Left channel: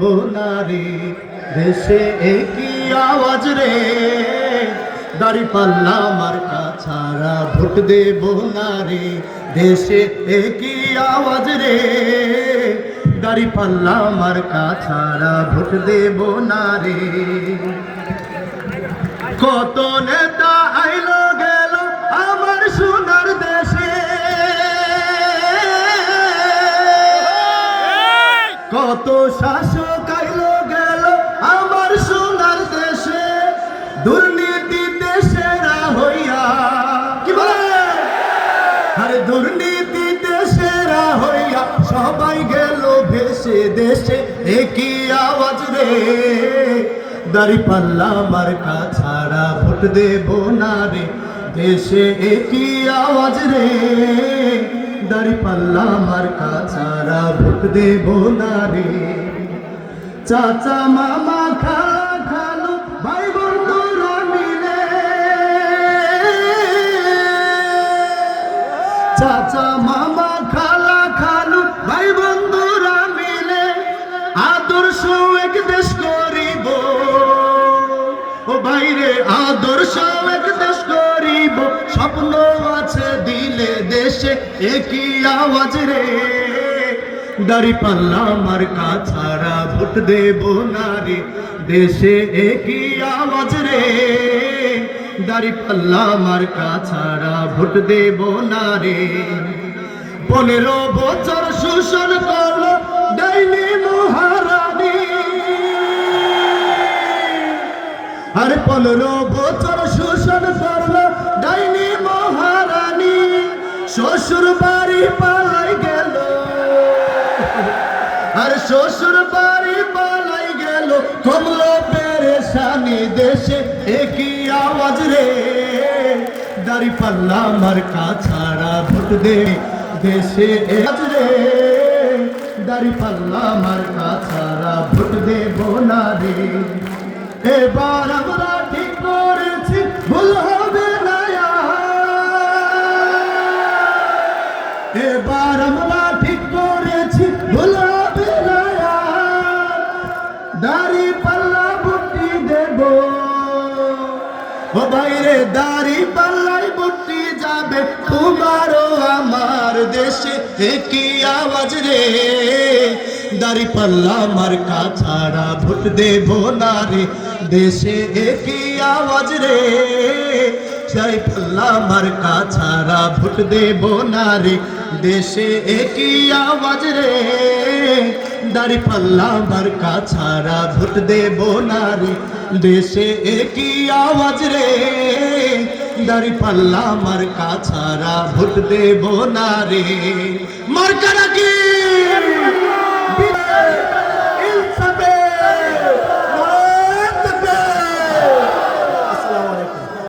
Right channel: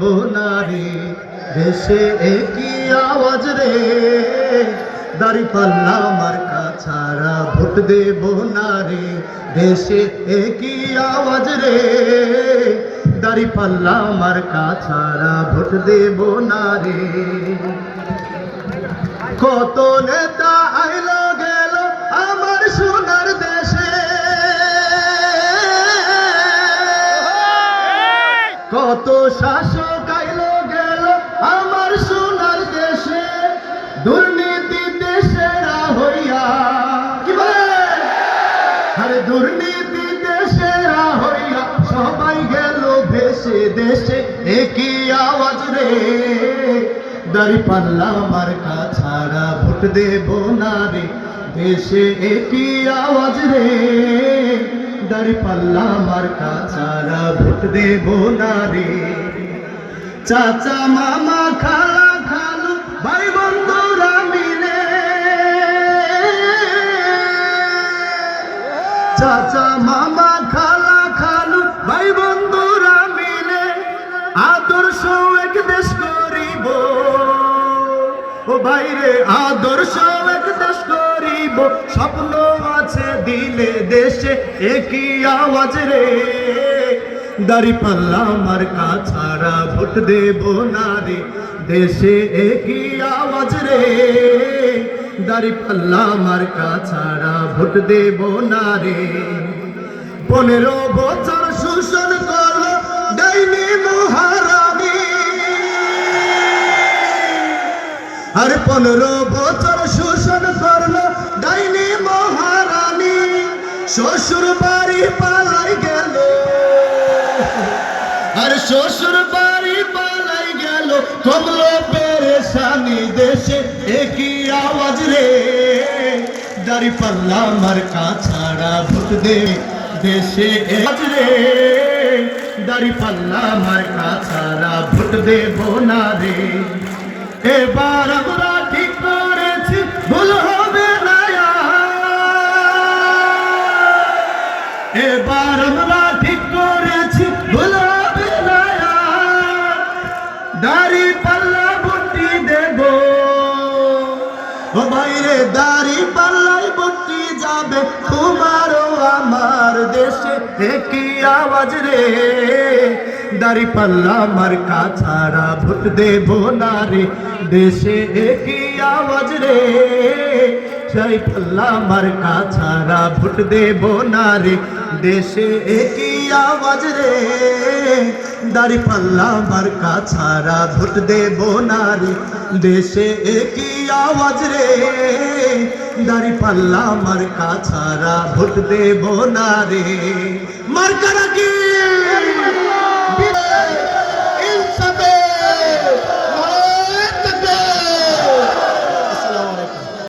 বোনারে দেশে একই আওয়াজ রে, দাড়ি পাল্লা মার্কা ছাড়া ভোট দেব না রে। দেশে একই আওয়াজ রে, দাড়ি পাল্লা মার্কা ছাড়া ভোট দেব না রে। কত নেতা আইলো গেল আমার সোনার দেশে, কত শাসক আইলো গেল আমার সোনার দেশে, দুর্নীতিতে সেরা হইয়া, কি বলে আরে দুর্নীতিতে সেরা হইয়া সবাই গেল ভেসে। দেশে একই আওয়াজ রে, দাড়ি পাল্লা মার্কা ছাড়া ভোট দেব না রে। দেশে একই আওয়াজ রে, দাড়ি পাল্লা মার্কা ছাড়া ভোট দেব না রে। চাচা মামা খালা খালু ভাই বন্ধুরা মিলে, চাচা মামা খালা খালু ভাই বন্ধুরা মিলে আদর্শ এক দেশ করিব। ও বাইরে আদর্শ এক দেশ করিব, স্বপ্ন আছে দিলে। দেশে একই আওয়াজ রে, দাড়ি পাল্লা মার্কা ছাড়া ভোট দেব না রে। দেশে একই আওয়াজ রে, দাড়ি পাল্লা মার্কা ছাড়া ভোট দেব না রে। 15 বছর শোষণ করলো ডাইনি মহারানী, আর 15 বছর শোষণ করলো ডাইনি মহারানী। শ্বশুর বাড়ি পালাই গেল, আর শ্বশুর বাড়ি পালাই গেল, কমলো পেরেশানি। দেশে একই আওয়াজ রে, দাড়ি পাল্লা মার্কা ছাড়া ভোট দে। দেশে আওয়াজ রে, দাড়ি পাল্লা মার্কা ছাড়া ভোট দেব না রে। এবার আমরা ঠিক করেছি ভুল হবে না আর, এবার আমরা ঠিক করেছি ভুল হবে না আর। দাড়ি পাল্লা ভোটটি দেব, ও বাইরে দাড়ি পাল্লাই ভোটটি যাবে তোমারও আমার। দেশে একই আওয়াজ রে, দাড়ি পাল্লা মার্কা ছাড়া ভোট দেব না রে। দেশে একই আওয়াজ রে, দাড়ি পাল্লা মার্কা ছাড়া ভোট দেব না রে। দেশে একই আওয়াজ রে, দাড়ি পাল্লা মার্কা ছাড়া ভোট দেব না রে। দেশে একই আওয়াজ রে, দাড়ি পাল্লা মার্কা ছাড়া ভোট দেব না রে। মার্কা রাখি।